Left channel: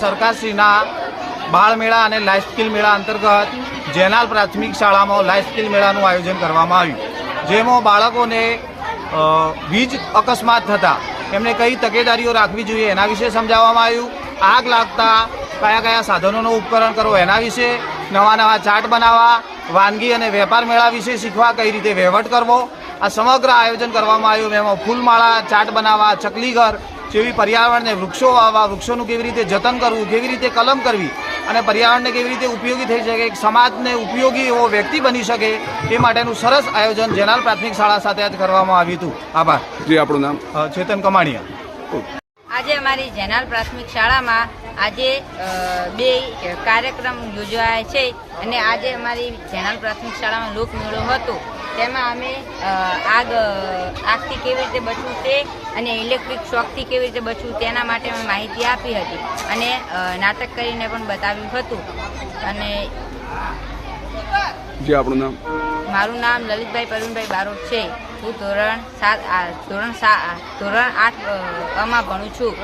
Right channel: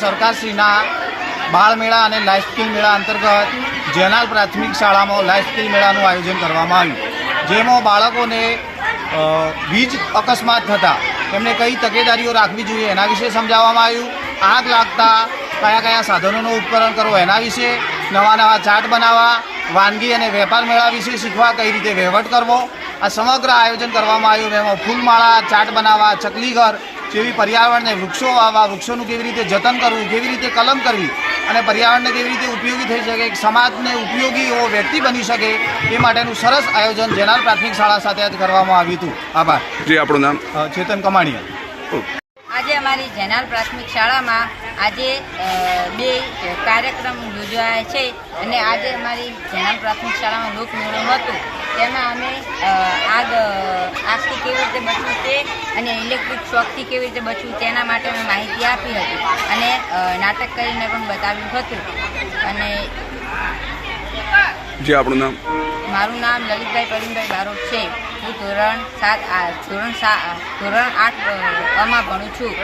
સરકારશ્રીના બાળ મેળા અને લાઈફ સ્કિલ મેળા અંતર્ગત જેનાલ પ્રાથમિક શાળામાં લાઈફ સ્કિલ મેળાનું આયોજન કરવામાં આવ્યું. જેમાં બાળકોને વીજ અકસ્માત થતાં એમને કઈ તકેદારીઓ રાખવી જોઈએ એના વિશે સમજાવવામાં આવ્યું. આગ લાગતા કયા કયા સાધનોનો ઉપકરણ કરવો એના વિશે, નવા નવા ચાટ બનાવવા, વાનગી અને વેપાર મેળા વિશે શીખવા કઈ રીતે વહીવટ કરવો, આ સમગ્ર આયોજન કરવામાં આવ્યું. એમાં ફૂલમાળા ચાટ બનાવવા, ચકલીઘર જેવી પર્યાવરણને વૃક્ષો વાવવા વૃક્ષોનું કેવી રીતે જતન કરવું કેવી રીતે કલમ કરવી અને પર્યાવરણને કેવી રીતે ઉપયોગી થઈ શકે સમાજને ઉપયોગી એવો વ્યક્તિ બની શકે એ માટેનું સરસ આયોજન જેનાલ પ્રાથમિક શાળા સાથે જ કરવામાં આવ્યું હતું. આભાર. જી આપણું નામ? ચેતન કમાણીયા. આજે અમારી જેનાલ પ્રાથમિક શાળામાં આજે બે કાર્યક્રમ યોજાયા છે અને આજે અમારી જેનાલ પ્રાથમિક શાળામાં લોકમેળો હતો તેમાં અમે આગ આગથી કેવી રીતે બચવું તે અને ઇલેક્ટ્રિક શોકથી કેવી રીતે બચવું તેના માટે મેં માહિતી આપી હતી. અને નાટક કરીને પણ બતાવ્યું હતું. અને જે આપણું નામ? મારું નામ લલિતભાઈ પ્રવીણભાઈ બારોટ છે. હું ધોરણ સાત ધોરણ સા ધોરણ આઠ આમાં ભણું છું.